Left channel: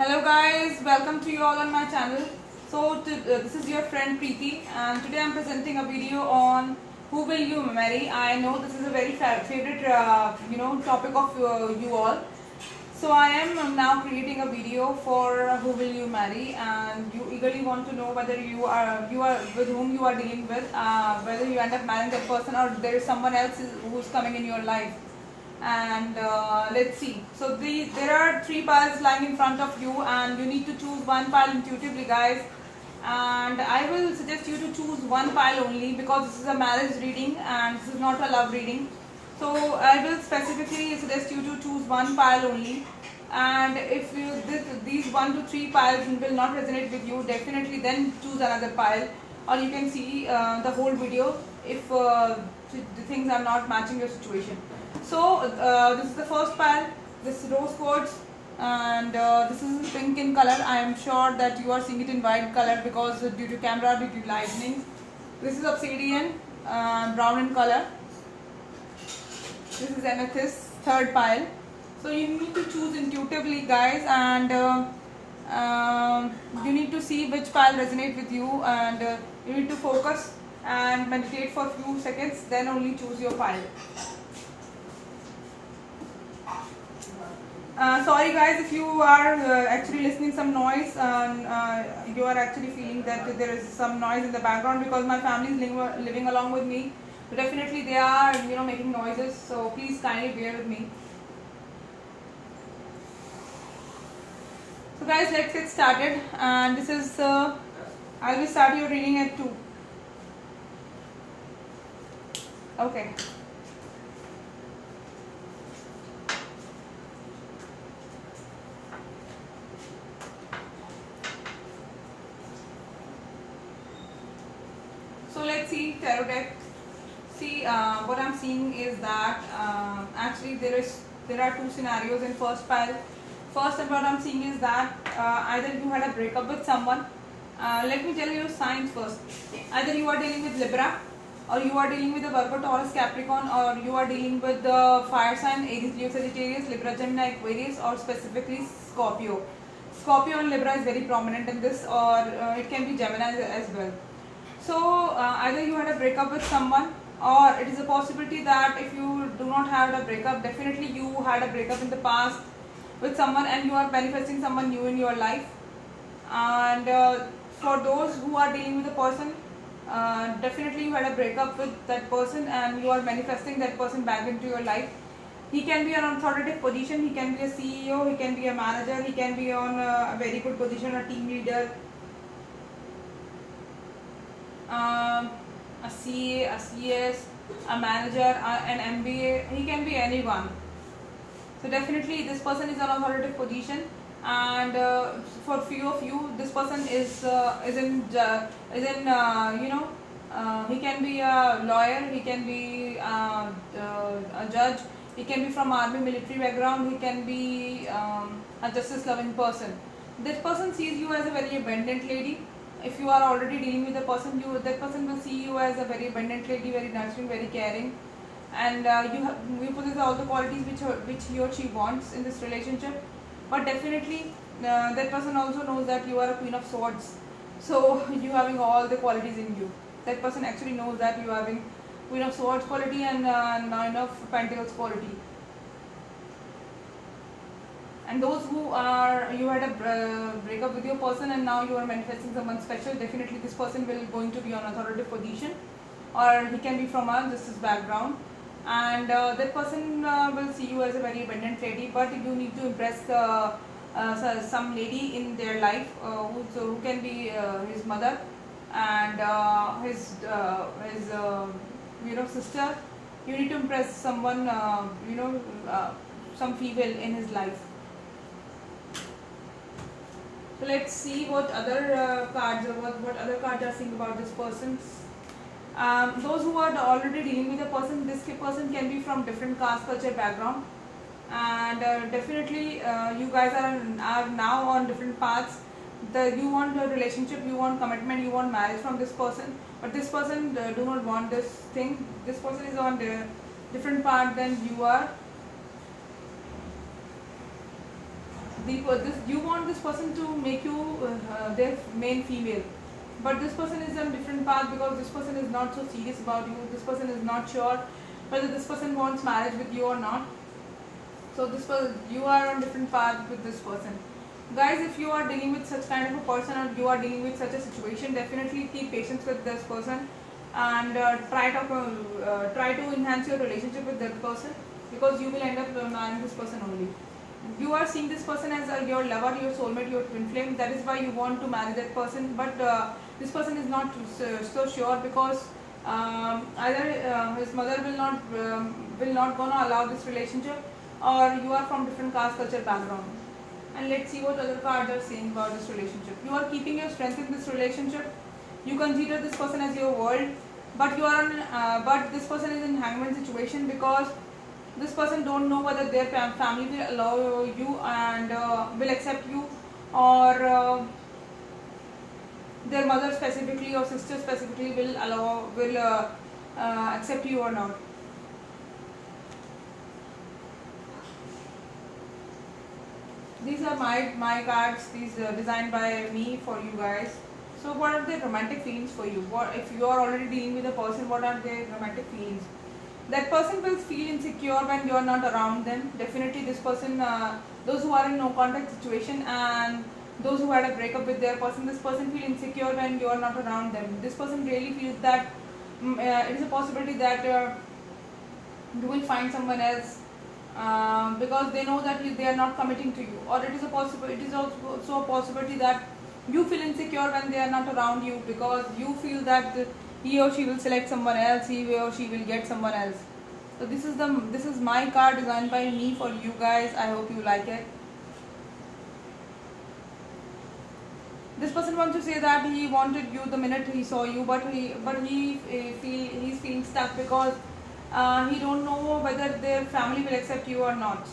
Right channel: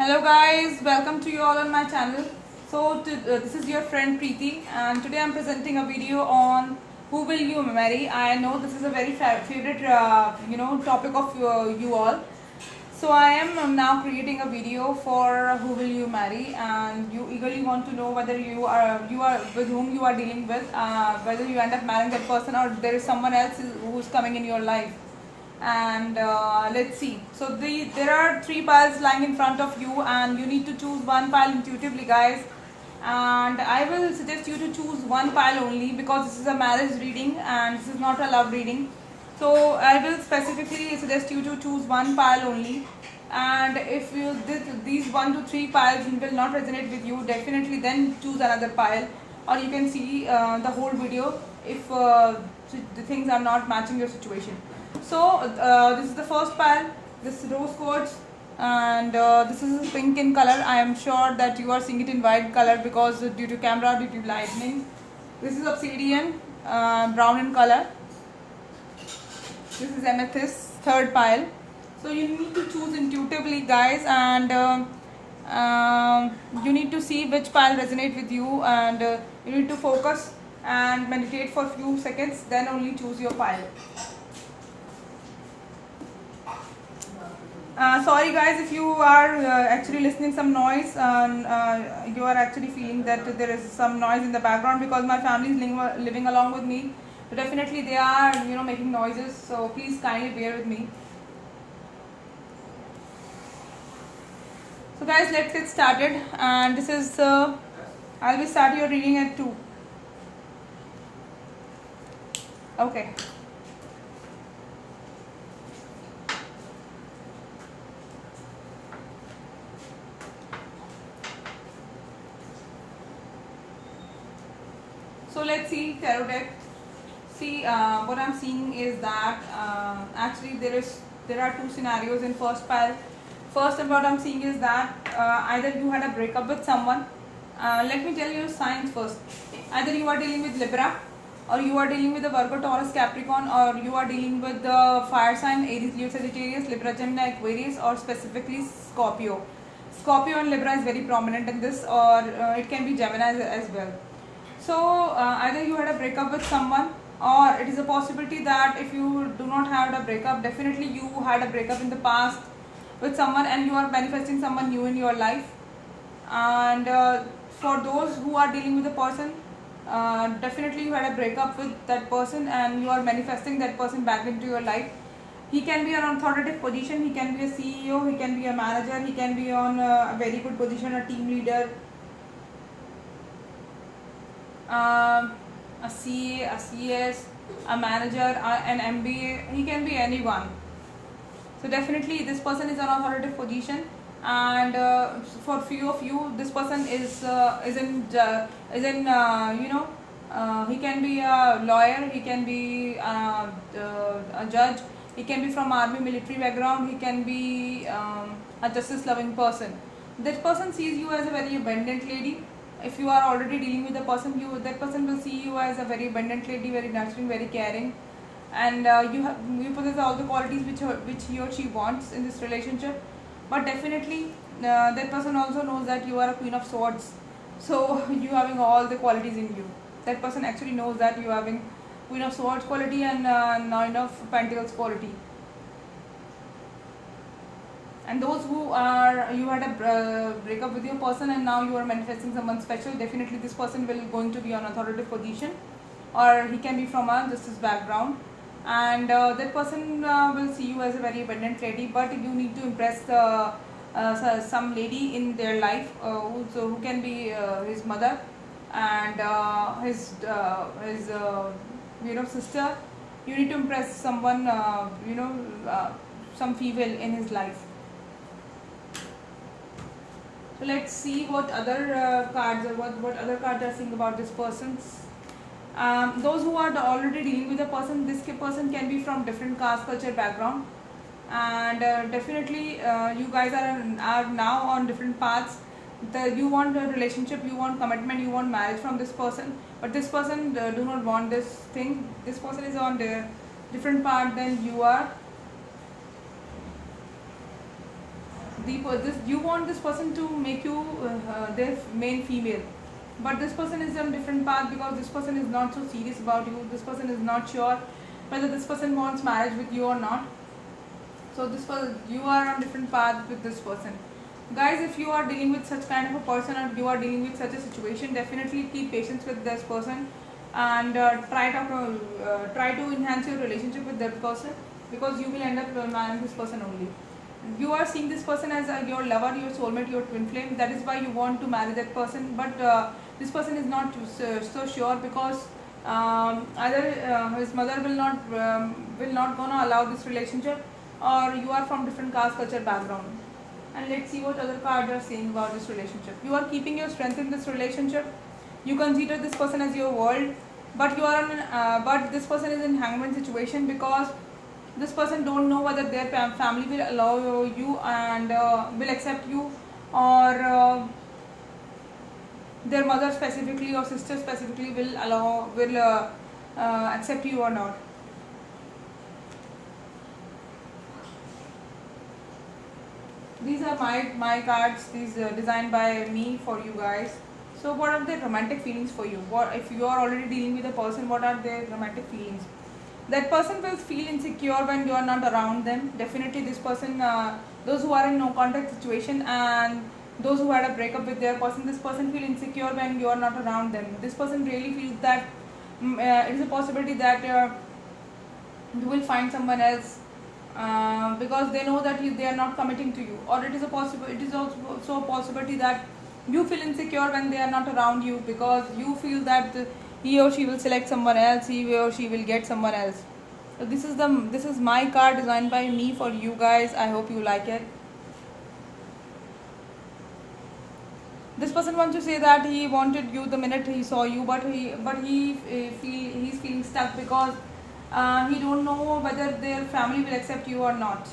Hello guys, welcome to you all on my channel. This is your friend Preeti, and today I'm presenting a video on who will you marry. I know this is a very favorite topic of you all. So I am now creating a video for who will you marry, and you eagerly want to know whether you are with whom you are dealing with, whether you end up marrying that person or there is someone else who's coming in your life. And let's see. So there are three piles lying in front of you, and you need to choose one pile intuitively, guys. And I will suggest you to choose one pile only, because this is a marriage reading and this is not a love reading. So I will specifically suggest you to choose one pile only. And if these 1 to 3 piles will not resonate with you, definitely then choose another pile, or you can see the whole video if the things are not matching your situation. So this is the first pile. This is rose quartz, and this is pink in color. I am sure that you are seeing it in white color because due to camera, due to lightning. This is obsidian, brown in color. This is amethyst, third pile. So you need to choose intuitively, guys, and you need to see which pile resonate with you, and you need to focus and meditate for a few seconds, then only choose your pile. Sorry guys, if you are actually listening some noise, and you are actually feeling that there is some noise in the background, because my family is living along with me. So definitely they are making noises, so please kindly bear with me. So guys, let's get started, and this is I will start your reading at 2. Okay. So let's see tarot deck. See, what I'm seeing is that actually there are two scenarios in first pile. First, what I'm seeing is that either you had a breakup with someone. Let me tell you signs first. Either you are dealing with Libra, or you are dealing with the Virgo, Taurus, Capricorn, or you are dealing with the fire sign Aries, Leo, Sagittarius, Libra, Gemini, Aquarius, or specifically Scorpio. Scorpio and Libra is very prominent in this, or it can be Gemini as well. So either you had a breakup with someone, or it is a possibility that if you do not have a breakup, definitely you had a breakup in the past with someone and you are manifesting someone new in your life. And for those who are dealing with a person, definitely you had a breakup with that person and you are manifesting that person back into your life. He can be an authoritative position, he can be a CEO, he can be a manager, he can be on a very good position, a team leader, a CA, a CS, a manager, an MBA. He can be anyone. So definitely this person is an authoritative position, and for few of you, this person is he can be a lawyer, he can be a judge, he can be from army, military background, he can be a justice loving person. This person sees you as a very abundant lady. If you are already dealing with a person, that person will see you as a very abundant lady, very nurturing, very caring, and you possess all the qualities which he or she wants in this relationship. But definitely that person also knows that you are a Queen of Swords, so you having all the qualities in you. That person actually knows that you are having Queen of Swords quality and Nine of Pentacles quality. And those who are, you had a breakup with your person and now you are manifesting someone special, definitely this person will going to be on authoritative position, or he can be from a justice background, and that person will see you as a very abundant lady. But you need to impress some lady in their life who can be his mother and his sister. You need to impress someone, some female in his life. So let's see what other cards, or what other cards are saying about this person. Those who are already dealing with a person, this person can be from different caste, culture, background, and definitely you guys are now on different paths. You want a relationship, you want commitment, you want marriage from this person, but this person do not want this thing. This person is on the different path than you are. You want this person to make you their main female, but this person is on different path because this person is not so serious about you. This person is not sure whether this person wants marriage with you or not. So you are on different path with this person. Guys, if you are dealing with such kind of a person or you are dealing with such a situation, definitely keep patience with this person and try to enhance your relationship with that person, because you will end up marrying this person only. You are seeing this person as your lover, your soulmate, your twin flame. That is why you want to marry that person, but this person is not so sure, because either his mother will not gonna allow this relationship, or you are from different caste culture background. And let's see what other cards are saying about this relationship. You are keeping your strength in this relationship. You consider this person as your world, but but this person is in hangman situation, because this person don't know whether their family will allow you and will accept you, or their mother specifically or sister specifically will accept you or not. These are my cards. These designed by me for you guys. So what are the romantic feelings for you? What if you are already dealing with a person? What are their romantic feelings? That person will feel insecure when you are not around them. Definitely this person, those who are in no contact situation and those who had a breakup with their person, this person feel insecure when you are not around them. This person really feels that it is a possibility that you will find someone else, because they know that they are not committing to you, or it is also a possibility that you feel insecure when they are not around you, because you feel that he or she will select someone else, he or she will get someone else. So this is my card designed by me for you guys. I hope you like it. This person wants to say that he wanted you the minute he saw you, but he's feeling stuck, because he don't know whether their family will accept you or not.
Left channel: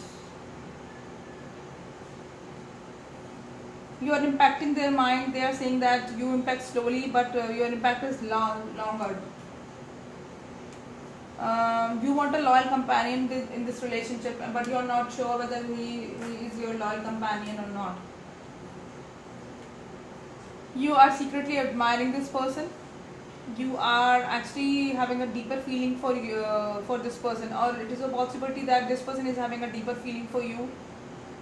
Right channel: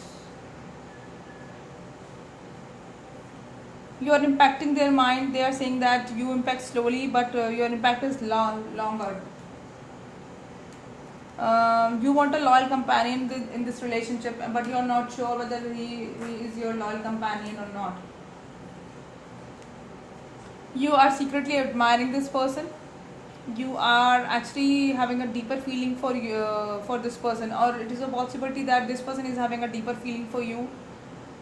You are impacting their mind. They are saying that you impact slowly, but your impact is longer. You want a loyal companion in this relationship, but you are not sure whether he is your loyal companion or not. You are secretly admiring this person. You are actually having a deeper feeling for this person, or it is a possibility that this person is having a deeper feeling for you,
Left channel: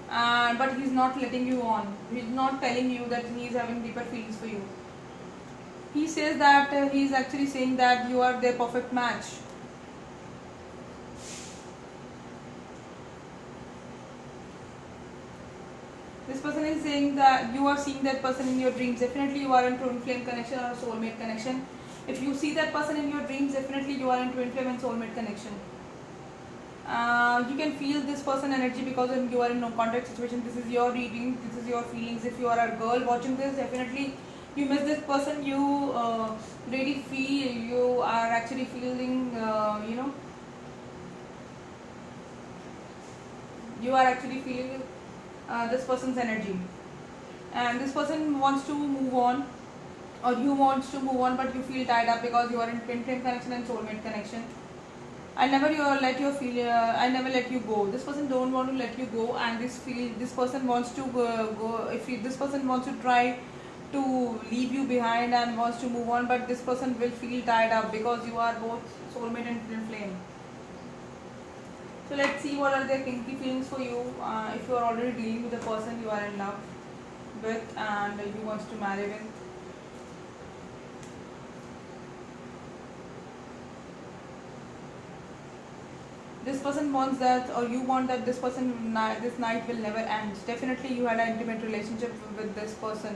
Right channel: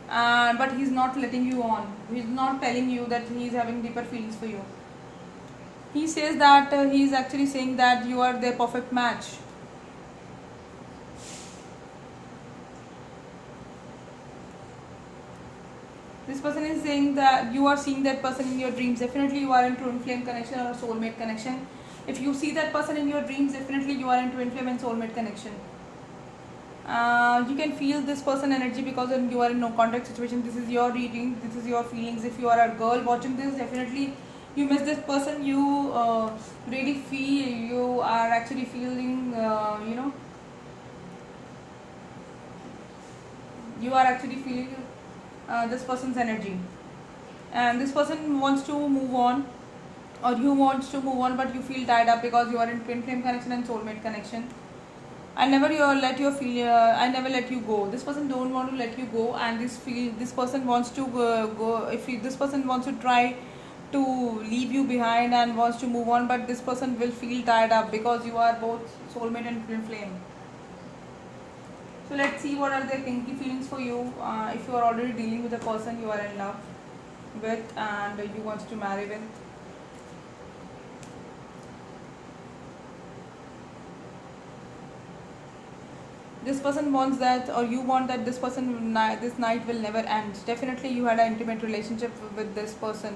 but he's not letting you on. He's not telling you that he is having deeper feelings for you. He says that he is actually saying that you are their perfect match. This person is saying that you are seeing that person in your dreams. Definitely you are in twin flame connection or soulmate connection. If you see that person in your dreams, definitely you are in twin flame and soulmate connection. You can feel this person energy because you are in no contact situation. This is your reading, this is your feelings. If you are a girl watching this, definitely you miss this person. You really feel, you are actually feeling, you are actually feeling this person's energy, and this person wants to move on, or you want to move on, but you feel tied up because you are in twin flame connection and soulmate connection. I never let you go. This person don't want to let you go, and this person wants to go. This person wants to try to leave you behind and wants to move on, but this person will feel tied up because you are both soulmate and twin flame. So let's see what are their kinky feelings for you. If you are already dealing with a person you are in love with and you want to marry with. This person wants that, or you want that this this night will never end. Definitely you had an intimate relationship with this person,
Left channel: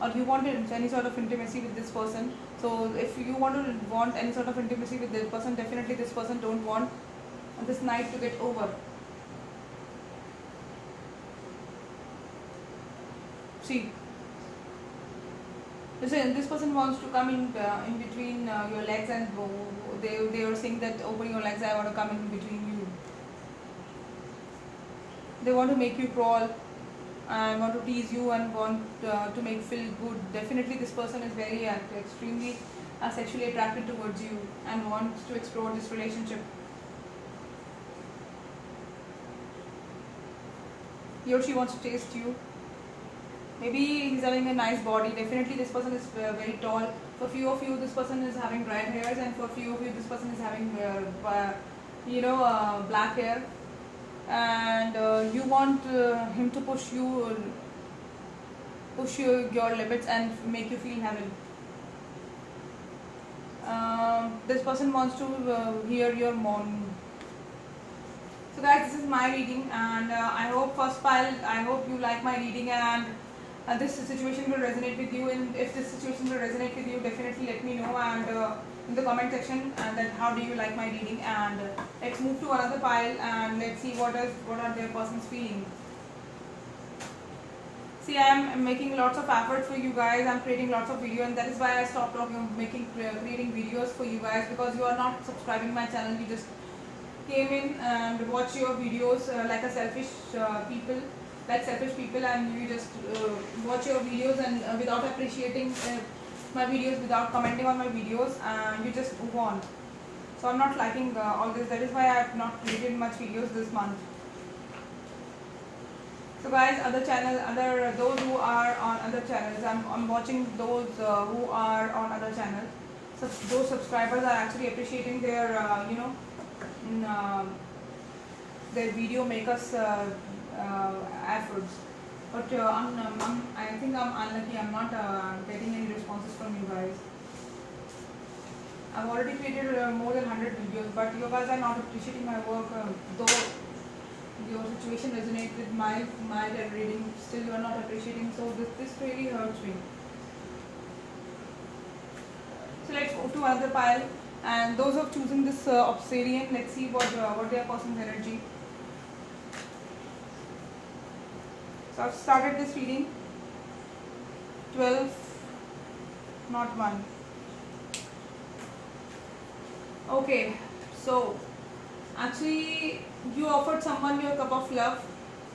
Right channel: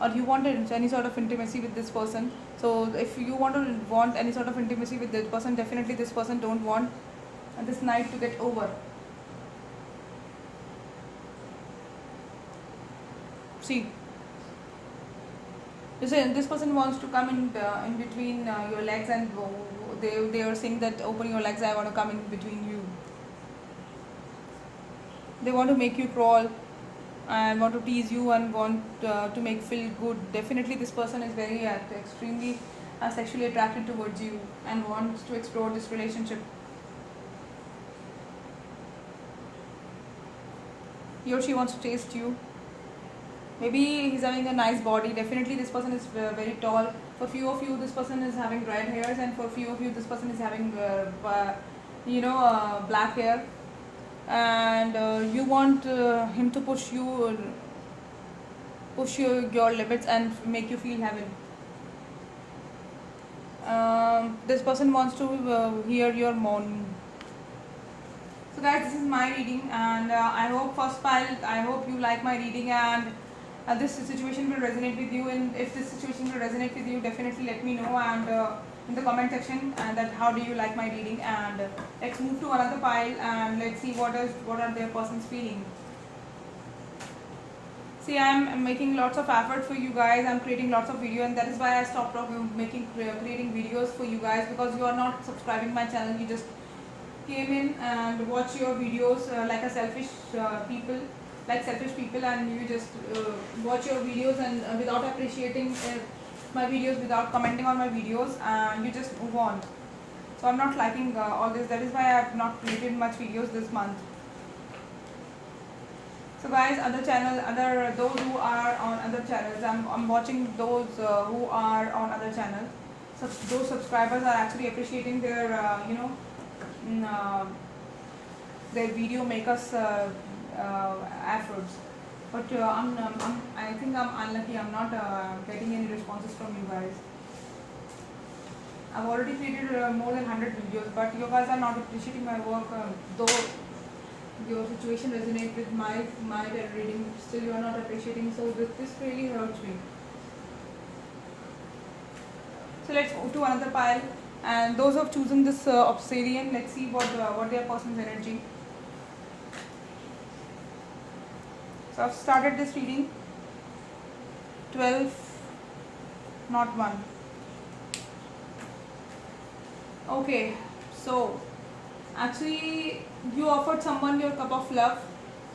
or you wanted any sort of intimacy with this person. So if you want any sort of intimacy with this person, definitely this person don't want this night to get over. See, this person wants to come in between your legs, and they are saying that open your legs, I want to come in between you. They want to make you crawl and want to tease you and want to make feel good. Definitely this person is very extremely sexually attracted towards you and wants to explore this relationship. he or she wants to taste you. Maybe he's having a nice body. Definitely this person is very tall. For few of you, this person is having red hairs, and for few of you, this person is having black hair. And you want him to push your limits and make you feel heaven. This person wants to hear your moan. So guys, this is my reading, and I hope first pile, I hope you like my reading, and this situation will resonate with you. And if this situation will resonate with you, definitely let me know, and in the comment section, and that how do you like my reading. And let's move to another pile, and let's see what are their person's feeling. See, I'm making lots of effort for you guys. I'm creating lots of videos, and that is why I stopped creating videos for you guys, because you are not subscribing my channel. You just came in and watch your videos like selfish people, and you just watch your videos and without appreciating my videos, without commenting on my videos, and you just move on. So I'm not liking all this. That is why I have not created much videos this month. So guys, those who are on other channels, I'm watching those who are on other channels. So those subscribers are actually appreciating their their video makers efforts. But I think I'm unlucky. I'm not getting any responses from you guys. I've already created more than 100 videos, but you guys are not appreciating my work. Though your situation resonates with my reading, still you are not appreciating. So this really hurts me. So let's move to another pile. And those who have chosen this obsidian, let's see what their person's energy. So I've started this reading. 12, not 1. Okay, so actually you offered someone your cup of love,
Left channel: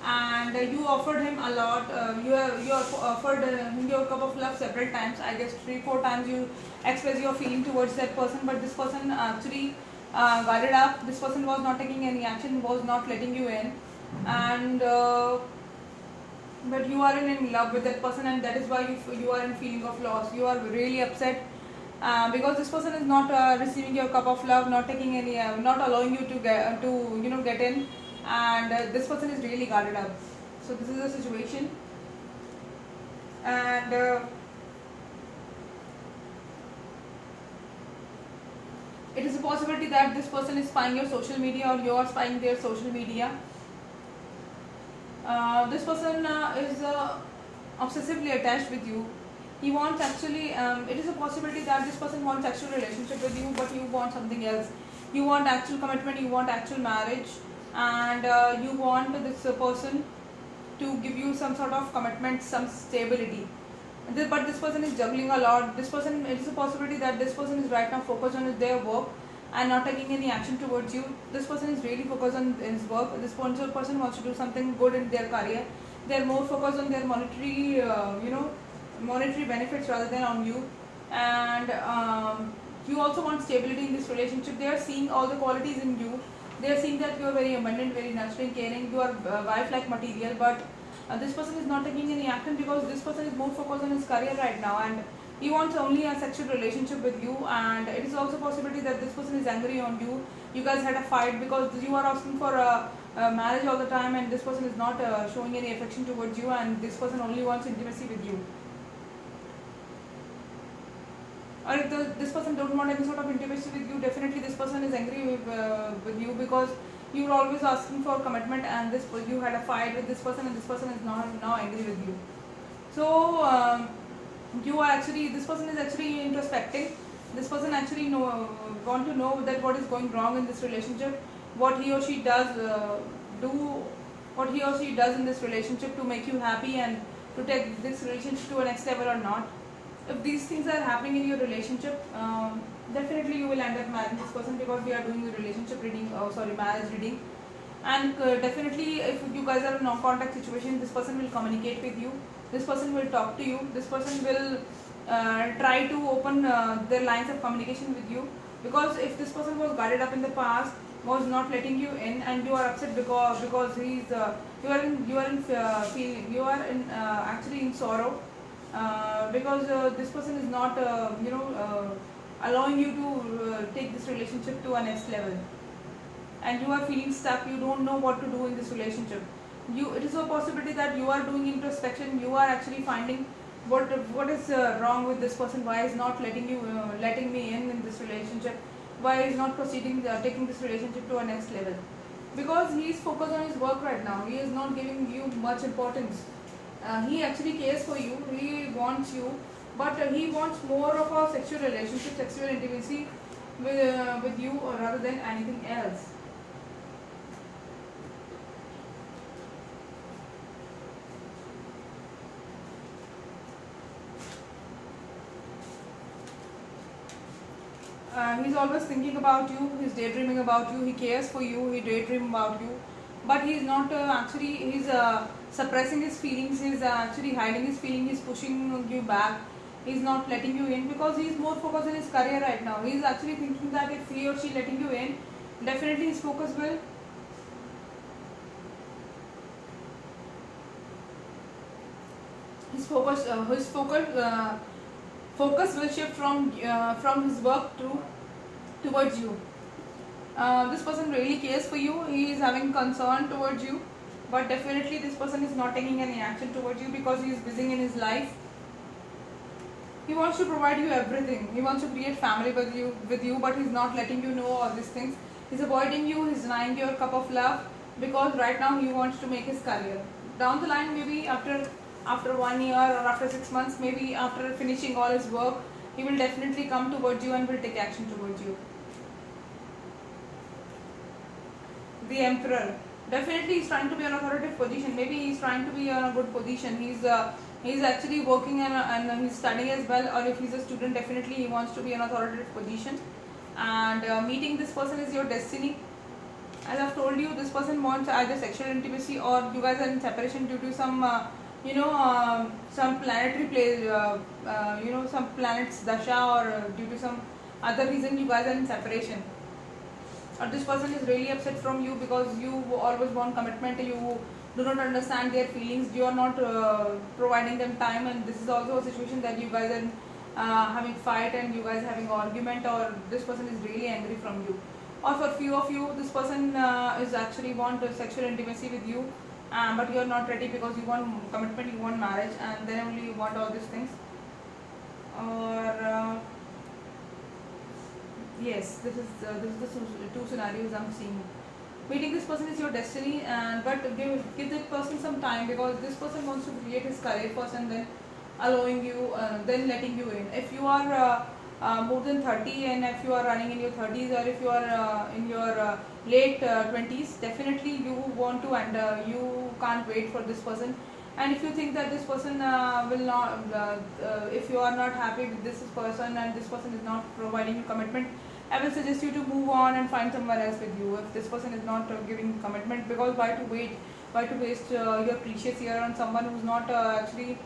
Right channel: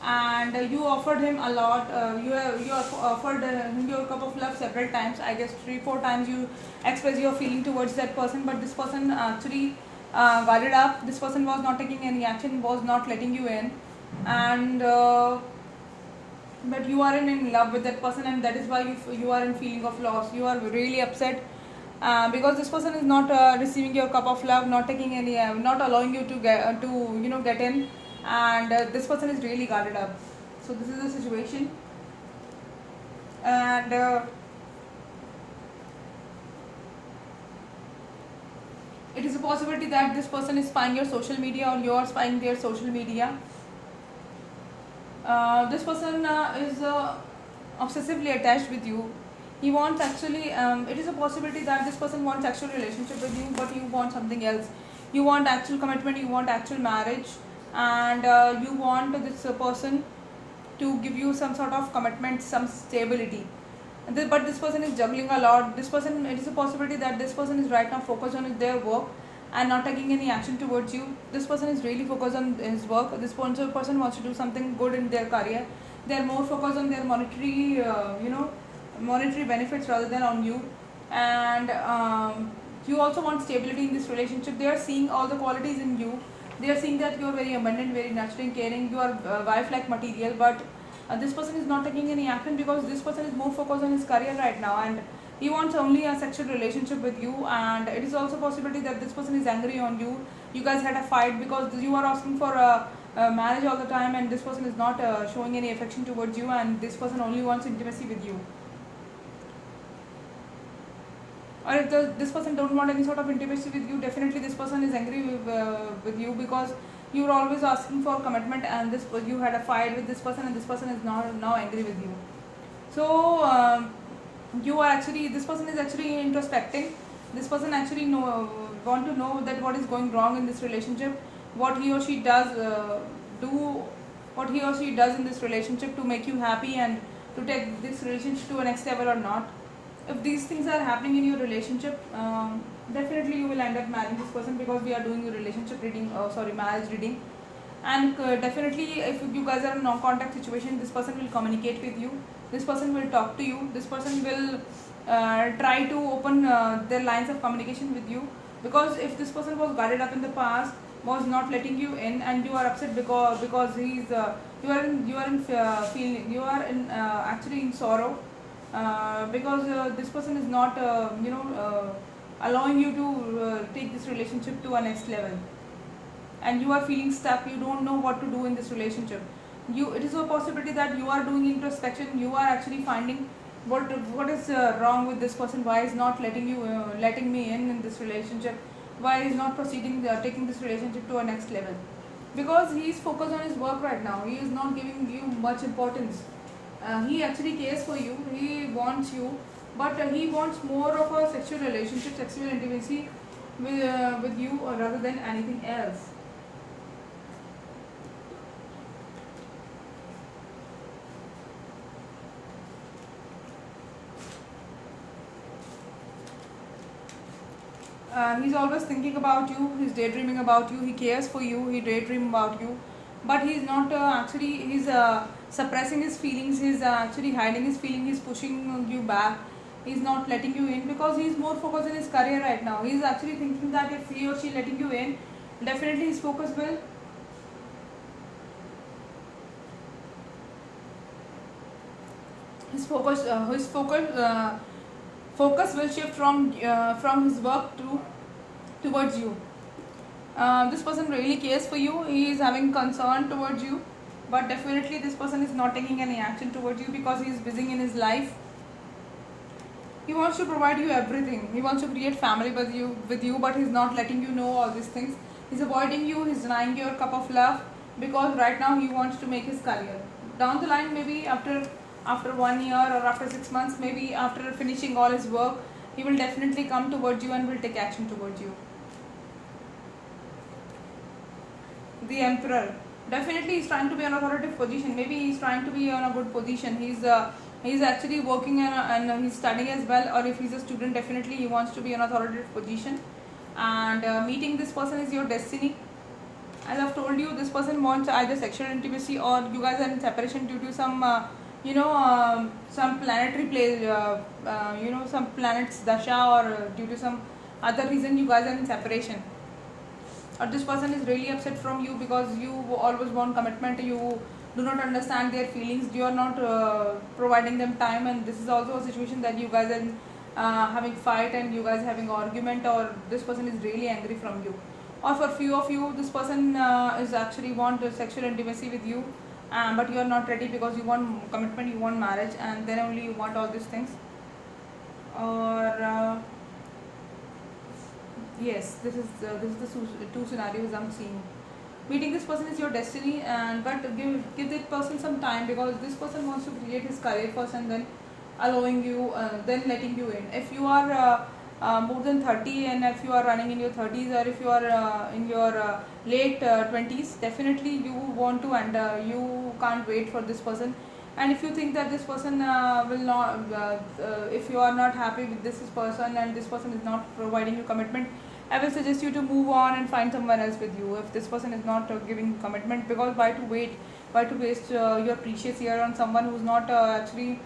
and you offered him a lot. You offered him your cup of love several times. I guess 3-4 times you express your feeling towards that person, but this person actually guarded up. This person was not taking any action, was not letting you in, and but you are in love with that person, and that is why you are in feeling of loss. You are really upset because this person is not receiving your cup of love, not taking any, not allowing you to get in, and this person is really guarded up. So this is the situation, and it is a possibility that this person is spying your social media, or you are spying their social media. This person is obsessively attached with you. He wants actually, it is a possibility that this person wants actual relationship with you, but you want something else. You want actual commitment, you want actual marriage, and you want this person to give you some sort of commitment, some stability. But this person is juggling a lot. This person, it is a possibility that this person is right now focused on their work and not taking any action towards you. This person is really focused on his work. This person wants to do something good in their career. They are more focused on their monetary, monetary benefits rather than on you. And you also want stability in this relationship. They are seeing all the qualities in you. They are seeing that you are very abundant, very nurturing, caring. You are wife-like material, but this person is not taking any action because this person is more focused on his career right now, and he wants only a sexual relationship with you. And it is also a possibility that this person is angry on you. You guys had a fight because you are asking for a marriage all the time, and this person is not showing any affection towards you, and this person only wants intimacy with you. Or if this person don't want any sort of intimacy with you, definitely this person is angry with you because you were always asking for commitment, and you had a fight with this person, and this person is now angry with you. So this person is actually introspecting. This person actually want to know that what is going wrong in this relationship, what he or she does in this relationship to make you happy and to take this relationship to a next level or not. If these things are happening in your relationship, definitely you will end up marrying this person, because we are doing a relationship reading, marriage reading. And definitely if you guys are in non-contact situation, this person will communicate with you. This person will talk to you. This person will try to open their lines of communication with you, because if this person was guarded up in the past, was not letting you in, and you are upset because he's you are in actually in sorrow, because this person is not allowing you to take this relationship to a next level, and you are feeling stuck. You don't know what to do in this relationship. It is a possibility that you are doing introspection. You are actually finding what is wrong with this person. Why is not letting me in this relationship? Why is not proceeding, taking this relationship to a next level? Because he is focused on his work right now. He is not giving you much importance. He actually cares for you. He wants you, but he wants more of a sexual relationship, sexual intimacy with you, or rather than anything else. He's always thinking about you. He's daydreaming about you. He cares for you. He daydream about you, but he's not actually. He's suppressing his feelings. He's actually hiding his feelings. He's pushing you back. He's not letting you in because he's more focused on his career right now. He's actually thinking that if he or she letting you in, definitely his focus will. His focus will shift from his work towards you. This person really cares for you. He is having concern towards you, but definitely this person is not taking any action towards you because he is busy in his life. He wants to provide you everything. He wants to create family with you, but he's not letting you know all these things. He's avoiding you. He's denying your cup of love because right now he wants to make his career. Down the line, maybe after 1 year or after 6 months, maybe after finishing all his work, he will definitely come towards you and will take action towards you. The Emperor. Definitely he's trying to be in an authoritative position. Maybe he's trying to be in a good position. He's actually working and he's studying as well, or if he's a student, definitely he wants to be in an authoritative position. And meeting this person is your destiny. As I've told you, this person wants either sexual intimacy or you guys are in separation due to some some planetary play, some planets dasha, or due to some other reason you guys are in separation. Or this person is really upset from you because you always want commitment. You do not understand their feelings. You are not providing them time, and this is also a situation that you guys are having fight and you guys are having argument, or this person is really angry from you. Or for few of you, this person is actually want sexual intimacy with you, but you are not ready because you want commitment, you want marriage, and then only you want all these things. Or yes, this is the two scenarios I'm seeing. Meeting this person is your destiny, and but give that person some time because this person wants to create his career first and then allowing you, then letting you in. If you are more than 30 and if you are running in your 30s, or if you are in your late 20s, definitely you want to, and you can't wait for this person. And if you think that this person will not, if you are not happy with this person and this person is not providing you commitment, I will suggest you to move on and find someone else with you. If this person is not giving commitment, because why to wait? Why to waste your precious year on someone who's not actually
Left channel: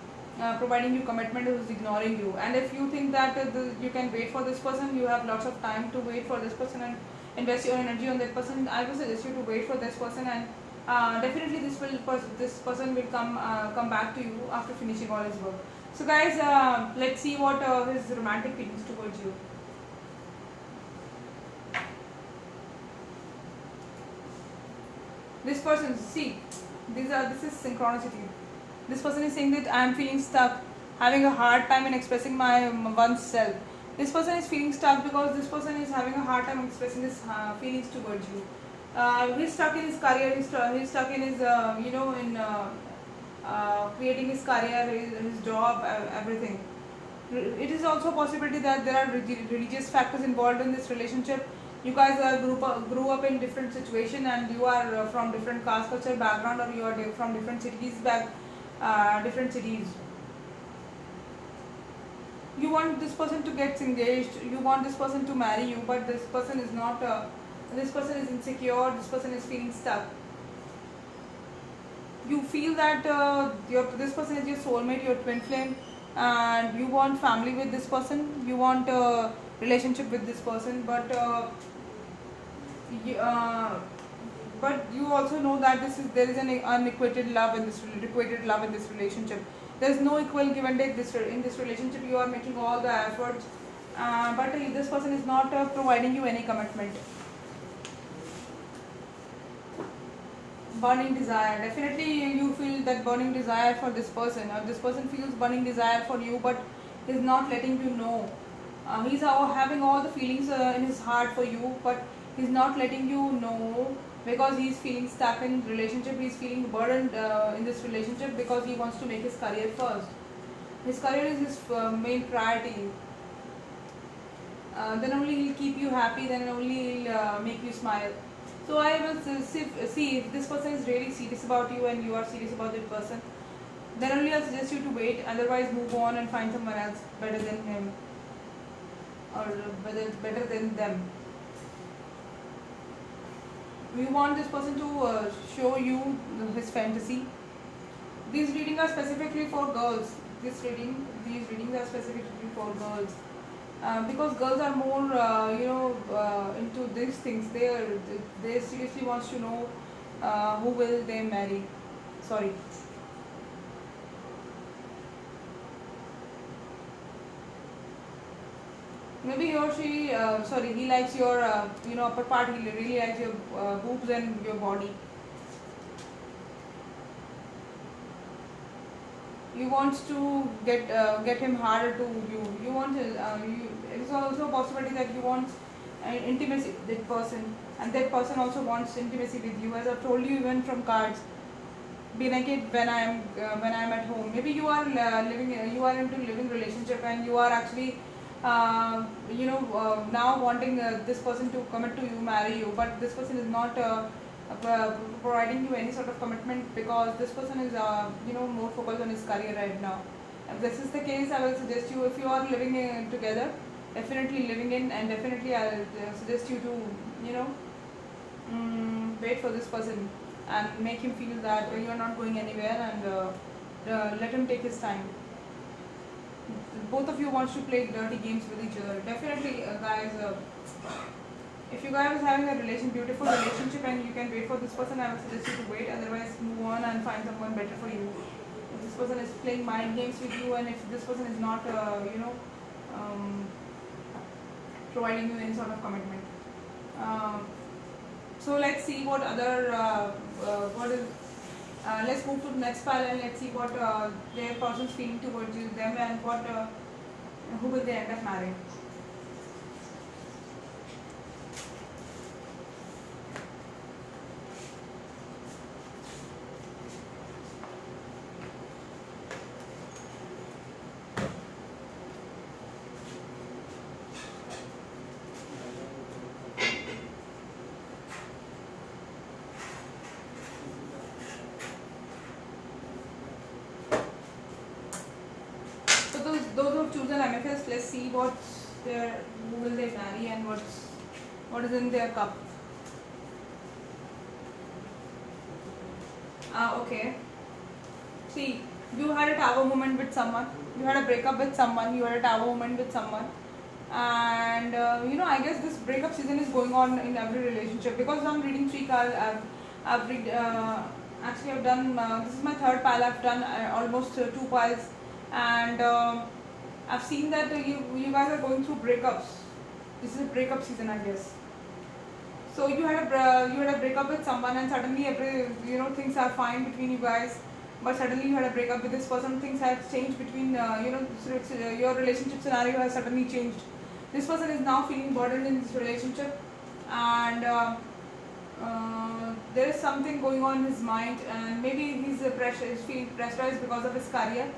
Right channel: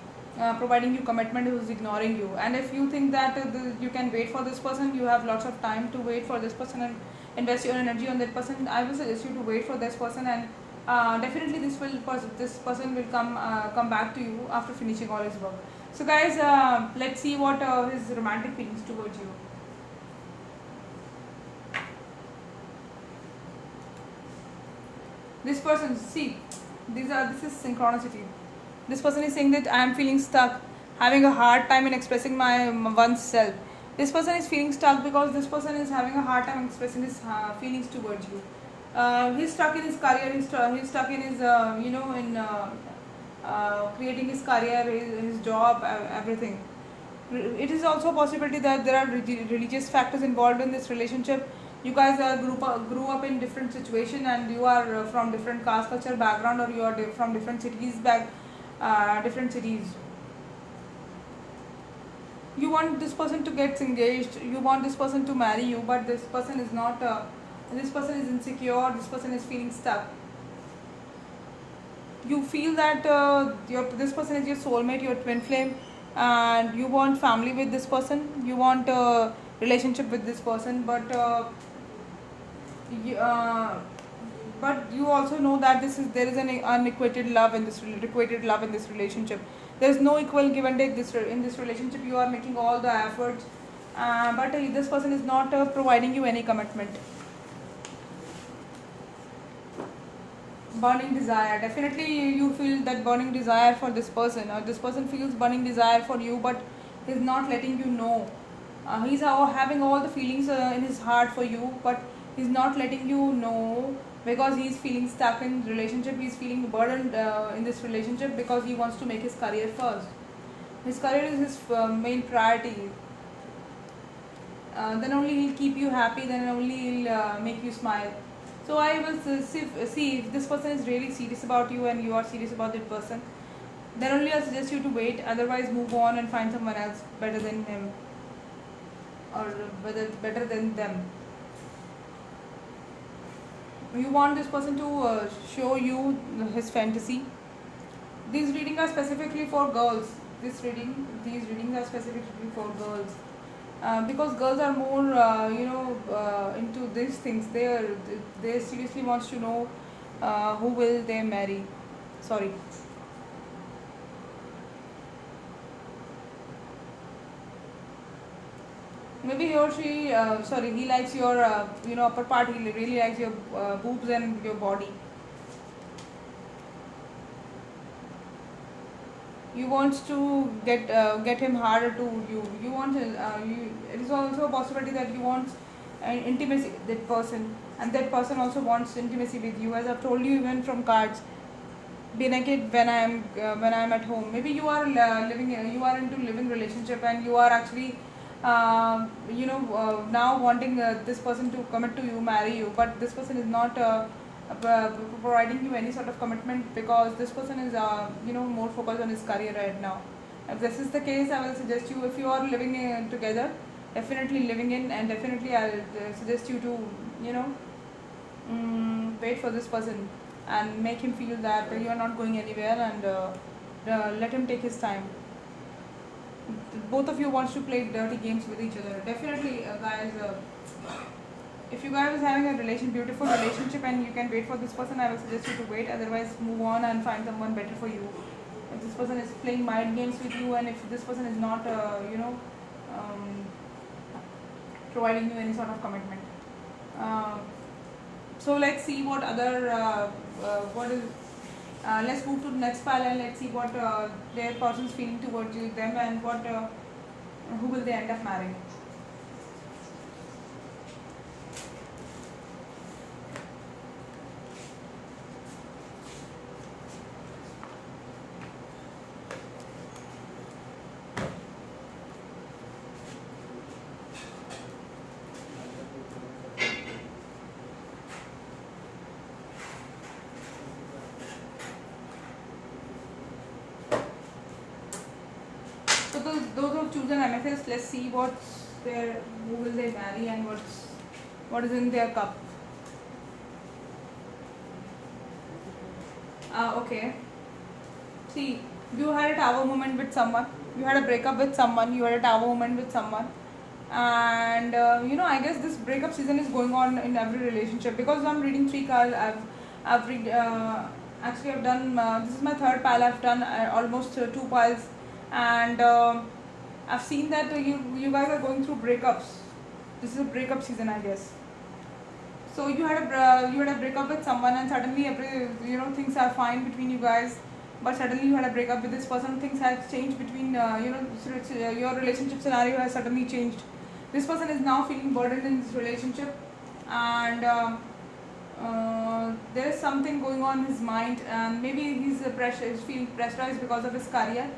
providing you commitment, who's ignoring you? And if you think that you can wait for this person, you have lots of time to wait for this person and invest your energy on that person. I will suggest you to wait for this person, and definitely this person will come back to you after finishing all his work. So guys, let's see what his romantic feelings towards you. This person, see, this is synchronicity. This person is saying that I am feeling stuck, having a hard time in expressing my one's self. This person is feeling stuck because this person is having a hard time expressing his feelings towards you. He's stuck in his career. He's stuck in his creating his career, his job, everything. It is also a possibility that there are religious factors involved in this relationship. You guys grew up in different situation, and you are from different caste culture background, or you are from different cities different cities. You want this person to get engaged, you want this person to marry you, but this person is not. This person is insecure. This person is feeling stuck. You feel that this person is your soulmate, your twin flame, and you want family with this person. You want a relationship with this person, but you, but you also know that there is an unequated love in this requited love in this relationship. There is no equal give and take in this relationship. You are making all the efforts, but this person is not providing you any commitment. Burning desire, definitely you feel that burning desire for this person, or this person feels burning desire for you, but he's not letting you know. He's having all the feelings in his heart for you, but he's not letting you know because he's feeling stuck in relationship. He's feeling burdened in this relationship because he wants to make his career first. His career is his main priority. Then only he'll keep you happy, then only he'll make you smile. So I will see if this person is really serious about you and you are serious about that person. Then only I'll suggest you to wait. Otherwise, move on and find someone else better than him, or better than them. You want this person to show you his fantasy. These readings are specifically for girls. These readings are specifically for girls. Because girls are more, into these things. They seriously wants to know who will they marry. Sorry. Maybe he or she, he likes your, upper part. He really likes your boobs and your body. You want to get him harder to you. You want it is also a possibility that you want intimacy with that person, and that person also wants intimacy with you. As I've told you, even from cards, be naked when I am at home. Maybe you are you are into living relationship, and you are actually now wanting this person to commit to you, marry you, but this person is not providing you any sort of commitment because this person is more focused on his career right now. If this is the case, I will suggest you, if you are living together, definitely living in, and definitely I'll suggest you to wait for this person and make him feel that you are not going anywhere, and let him take his time. Both of you wants to play dirty games with each other. Definitely, guys. If you guys are having a beautiful relationship and you can wait for this person, I will suggest you to wait. Otherwise, move on and find someone better for you. If this person is playing mind games with you, and if this person is not, providing you any sort of commitment. So let's see what other, what is. Let's move to the next pile and let's see what their person's feeling towards them, and what who will they end up marrying. So those who have chosen amethyst, let's see who will they marry and what is in their cup. Okay. See, you had a tower moment with someone. You had a breakup with someone. You had a tower moment with someone. And I guess this breakup season is going on in every relationship, because I'm reading 3 cards. I've read. Actually, I've done. This is my 3rd pile. I've done almost 2 piles, and I've seen that you guys are going through breakups. This is a breakup season, I guess. So you had a breakup with someone, and suddenly things are fine between you guys, but suddenly you had a breakup with this person. Things have changed between your relationship scenario has suddenly changed. This person is now feeling burdened in this relationship, and there is something going on in his mind, and maybe he's feeling pressurized because of his career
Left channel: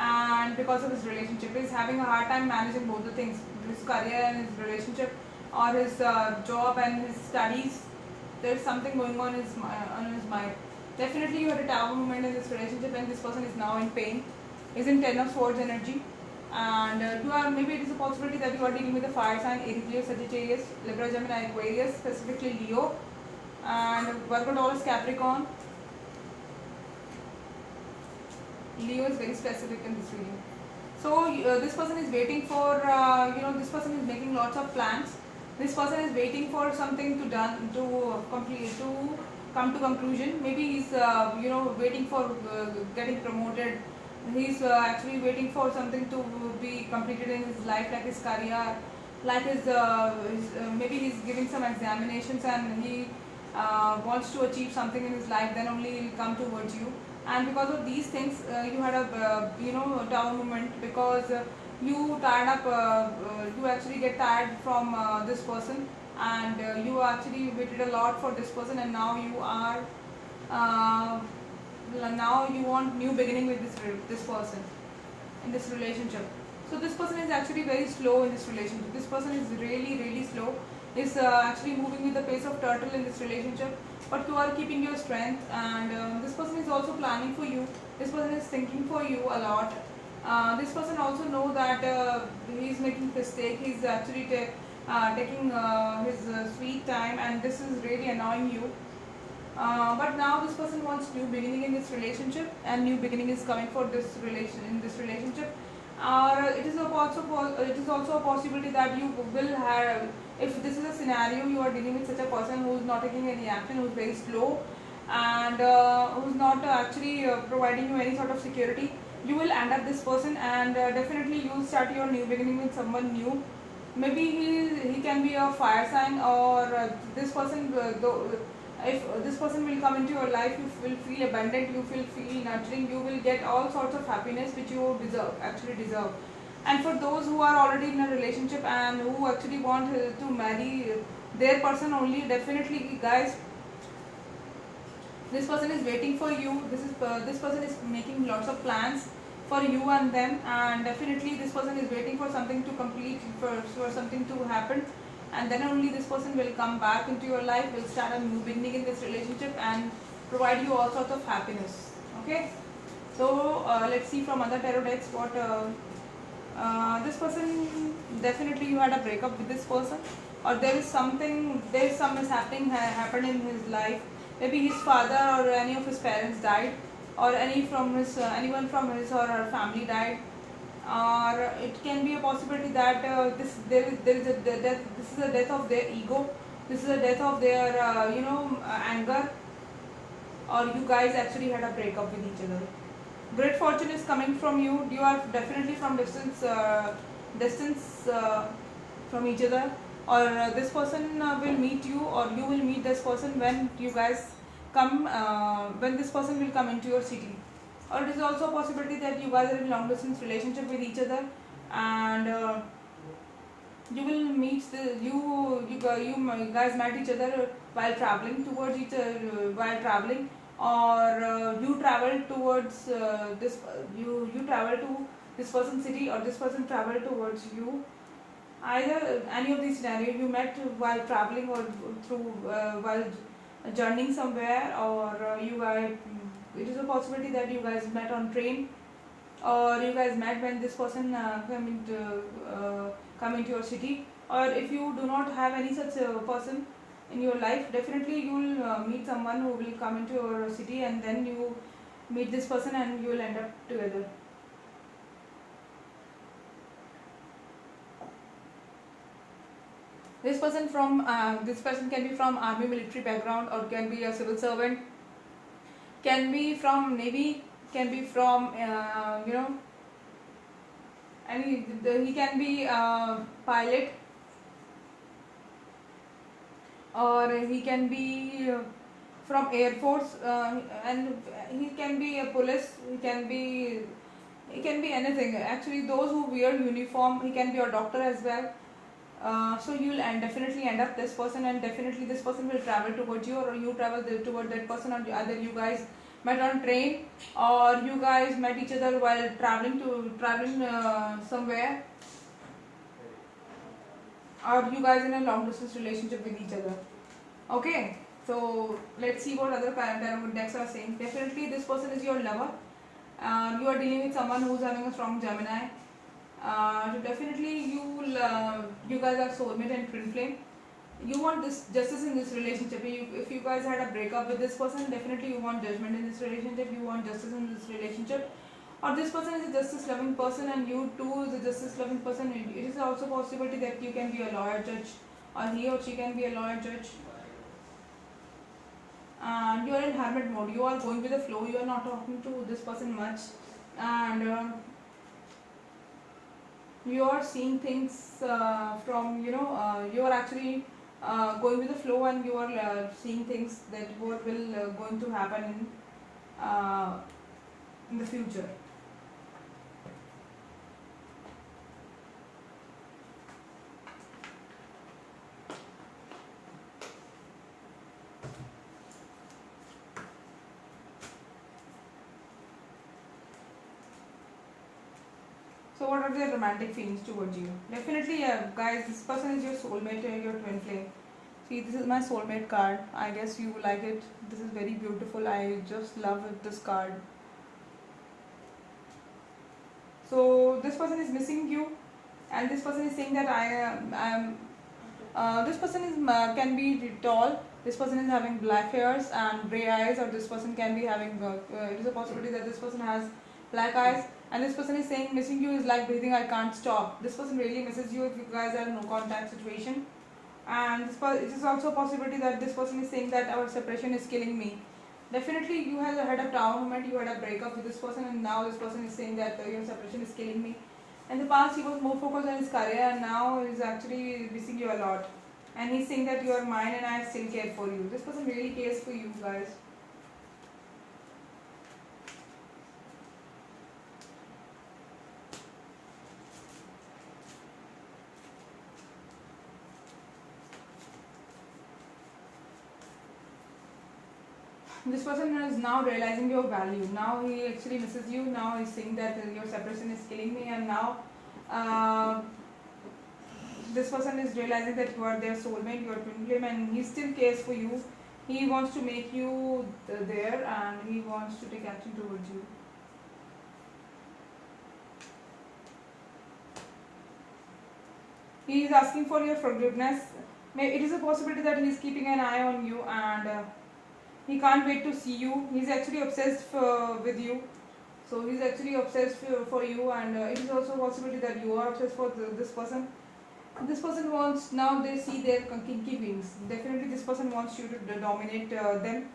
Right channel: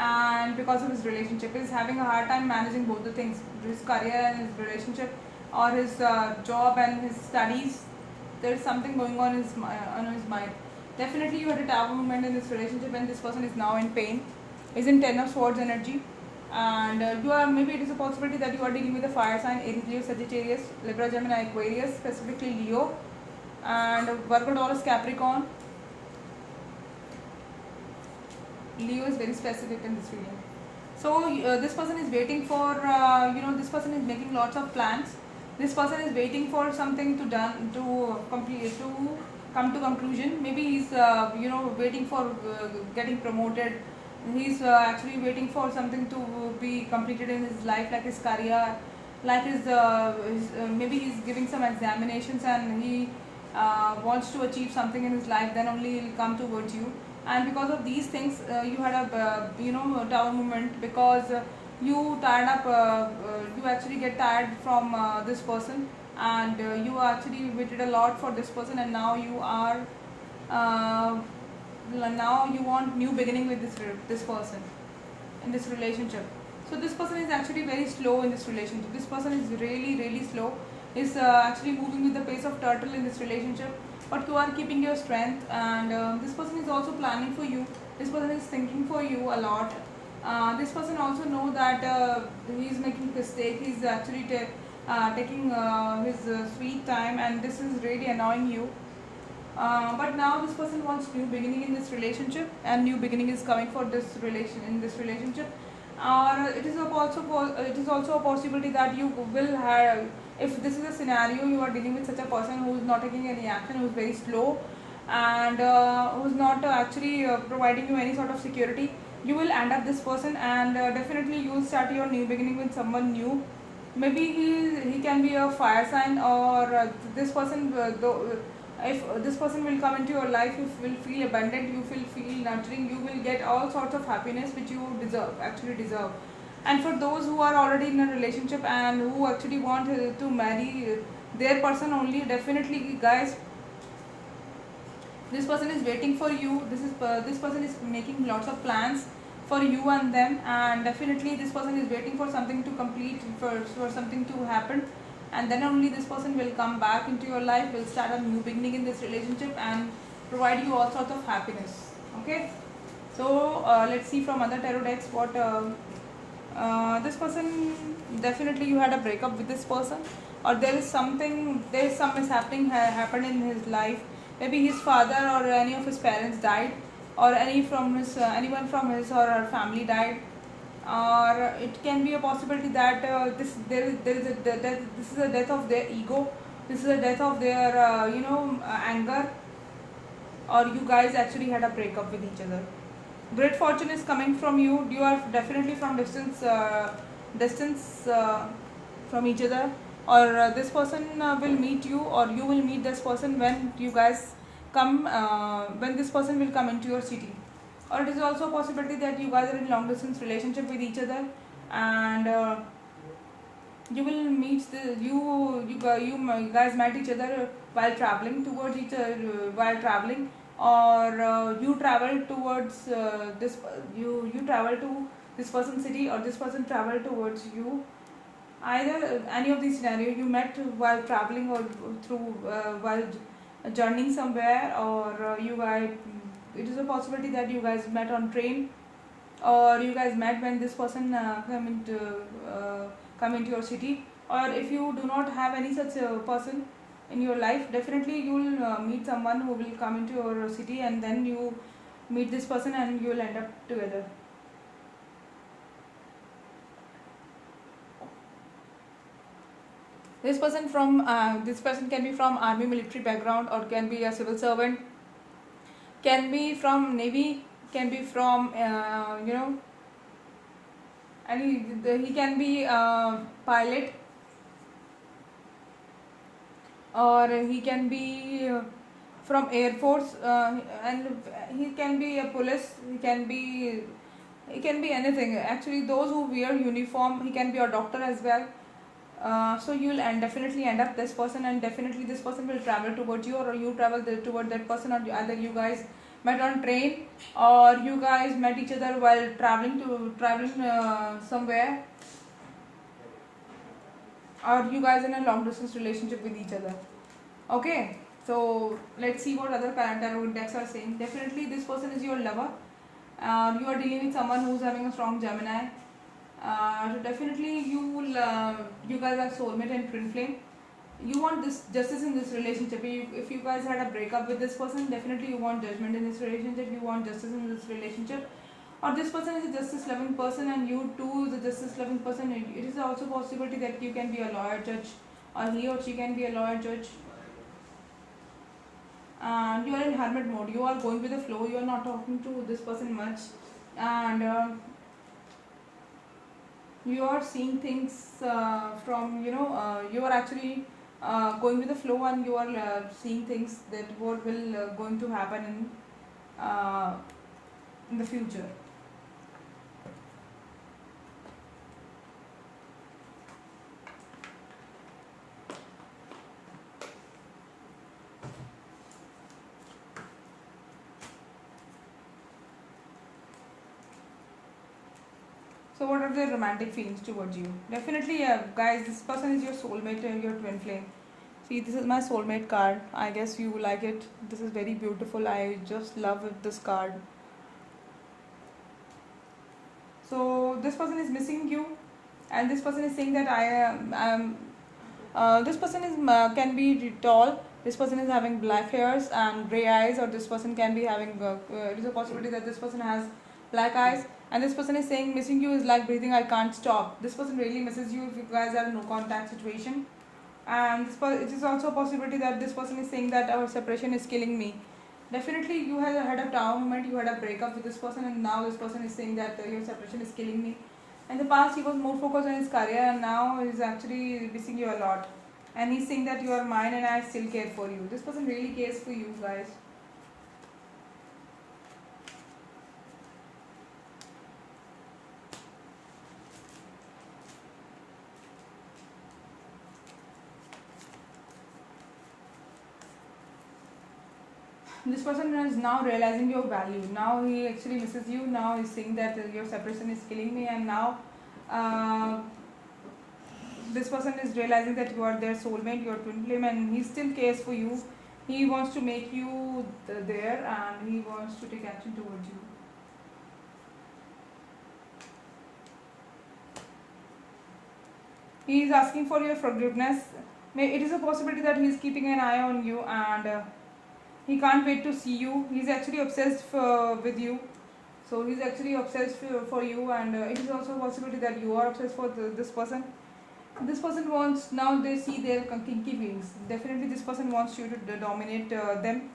and because of his relationship. He's having a hard time managing both the things, his career and his relationship, or his job and his studies. There is something going on in his mind. Definitely you had a tower moment in this relationship, and this person is now in pain. He's in 10 of Swords energy, and maybe it is a possibility that you are dealing with a fire sign: Aries, Leo, Sagittarius, Libra, Gemini, Aquarius, specifically Leo, and Virgo, Taurus, Capricorn. Leo is very specific in this reading. So this person is waiting for, this person is making lots of plans. This person is waiting for something to done to complete to come to conclusion. Maybe he's waiting for getting promoted. He's actually waiting for something to be completed in his life, like his career, like maybe he's giving some examinations and he wants to achieve something in his life. Then only he'll come towards you. And because of these things, you had a down moment because you tired up. You actually get tired from this person, and you actually waited a lot for this person, and now you are uh, now you want new beginning with this person in this relationship. So this person is actually very slow in this relationship. This person is really slow. Is actually moving with the pace of turtle in this relationship. But you are keeping your strength, and this person is also planning for you. This person is thinking for you a lot. This person also know that he is making mistake. He's actually taking his sweet time, and this is really annoying you. But now this person wants new beginning in this relationship, and new beginning is coming for this relationship. Or it is also a possibility that you will have, if this is a scenario you are dealing with such a person who is not taking any action, who is very slow, and who is not actually providing you any sort of security. You will end up this person, and definitely you will start your new beginning with someone new. Maybe he can be a fire sign, or this person if this person will come into your life, you will feel abundant, you will feel nurturing, you will get all sorts of happiness which you actually deserve. And for those who are already in a relationship and who actually want to marry their person only, definitely guys, this person is waiting for you. This person is making lots of plans for you and them, and definitely this person is waiting for something to complete, for something to happen, and then only this person will come back into your life, will start a new beginning in this relationship and provide you all sorts of happiness. Okay, so let's see from other tarot decks what this person, definitely you had a breakup with this person, or there is some mishappening happened in his life. Maybe his father or any of his parents died, or anyone from his or her family died, or it can be a possibility that this is a death of their ego, this is a death of their anger, or you guys actually had a breakup with each other. Great fortune is coming from you. You are definitely from distance from each other, or this person will meet you, or you will meet this person when you guys come, when this person will come into your city. Or it is also a possibility that you guys are in long distance relationship with each other, and you will meet you guys met each other while traveling towards each other, while traveling, or you travel towards you travel to this person's city, or this person travel towards you. Either any of these scenarios, you met while traveling, or through while journeying somewhere, or you guys, it is a possibility that you guys met on train, or you guys met when this person come into your city. Or if you do not have any such person in your life, definitely you will meet someone who will come into your city, and then you meet this person and you will end up together. This person can be from army military background, or can be a civil servant, can be from navy, can be from he can be a pilot, or he can be from air force, and he can be a police, he can be anything. Actually, those who wear uniform, he can be a doctor as well. So you will definitely end up this person, and definitely this person will travel towards you, or you travel toward that person, or either you guys met on train, or you guys met each other while traveling somewhere, or you guys in a long distance relationship with each other. Okay, so let's see what other tarot decks are saying. Definitely this person is your lover. You are dealing with someone who's having a strong Gemini. So definitely you guys are soulmate and twin flame. You want this justice in this relationship. If you guys had a breakup with this person, definitely you want judgment in this relationship. You want justice in this relationship. Or this person is a justice loving person, and you too is a justice loving person. It is also a possibility that you can be a lawyer, judge, or he or she can be a lawyer, judge. And you are in hermit mode. You are going with the flow. You are not talking to this person much, and you are seeing things from, you are actually going with the flow, and you are seeing things that what will going to happen in the future. So what are the romantic feelings towards you? Definitely, guys, this person is your soulmate and your twin flame. See, this is my soulmate card. I guess you like it. This is very beautiful. I just love this card. So this person is missing you, and this person is saying that I am. This person is can be tall. This person is having black hairs and gray eyes, or this person can be having. It is a possibility that this person has black eyes, and this person is saying missing you is like breathing. I can't stop. This person really misses you if you guys are in no contact situation, and it is also a possibility that this person is saying that our separation is killing me. Definitely, you had a down moment, you had a breakup with this person, and now this person is saying that your separation is killing me. In the past, he was more focused on his career, and now he's actually missing you a lot. And he's saying that you are mine, and I still care for you. This person really cares for you, guys. This person is now realizing your value. Now he actually misses you. Now he's saying that your separation is killing me, and now this person is realizing that you are their soulmate, your twin flame, and he still cares for you. He wants to make you there, and he wants to take action towards you. He is asking for your forgiveness. It is a possibility that he is keeping an eye on you, and he can't wait to see you. He's actually obsessed with you. So he's actually obsessed for you, and it is also a possibility that you are obsessed for this person. This person wants, now they see their kinky wings. Definitely this person wants you to dominate them,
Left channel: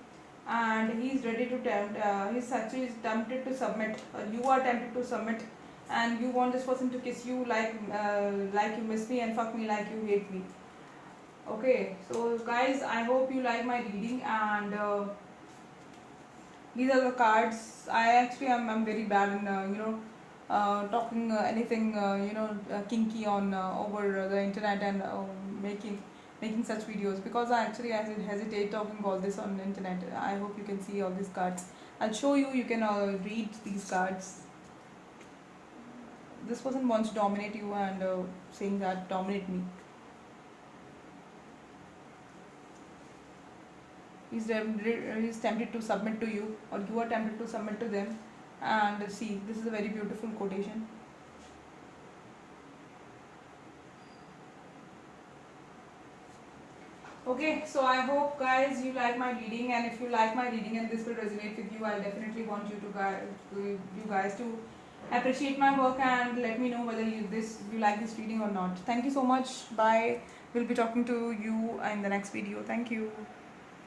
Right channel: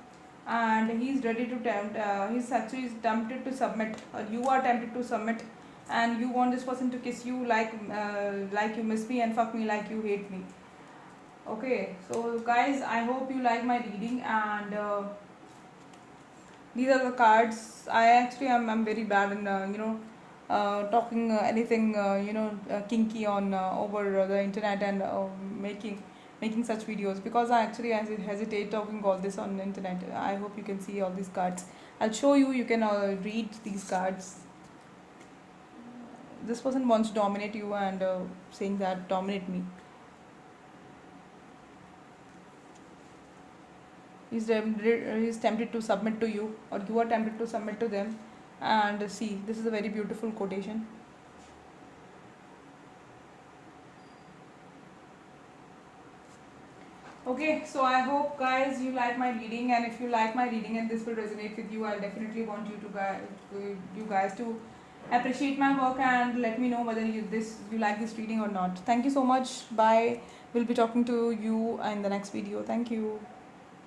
and he's ready to tempt, he's actually tempted to submit. You are tempted to submit, and you want this person to kiss you like you miss me, and fuck me like you hate me. Okay, so guys, I hope you like my reading, and these are the cards. I actually am very bad in talking anything kinky on over the internet, and making such videos, because I hesitate talking all this on the internet. I hope you can see all these cards. I'll show you. You can read these cards. This person wants to dominate you, and saying that dominate me. He's tempted to submit to you, or you are tempted to submit to them. And see, this is a very beautiful quotation. Okay, so I hope guys you like my reading, and if you like my reading and this will resonate with you, I definitely want you guys to appreciate my work and let me know whether you like this reading or not. Thank you so much. Bye. We'll be talking to you in the next video. Thank you.